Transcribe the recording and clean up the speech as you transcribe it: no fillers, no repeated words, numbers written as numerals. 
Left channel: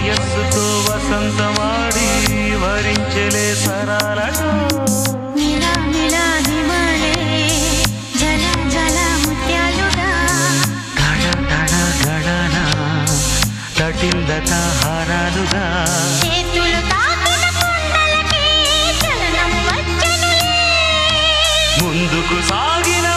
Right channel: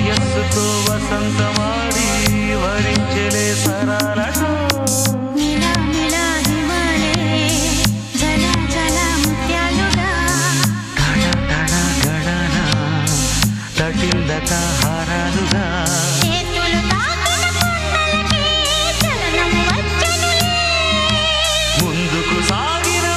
వయస్సుతో వసంతమాడి వరించెలే సరాలతో మిలా మిలా హిమాలే జల జల ముత్యాలుగా తళ తళ గళన తటిల్లత హారాలుగా చేతులు తాకిన కొండలకే చలనం వచ్చనులే ముందుకు సాగిన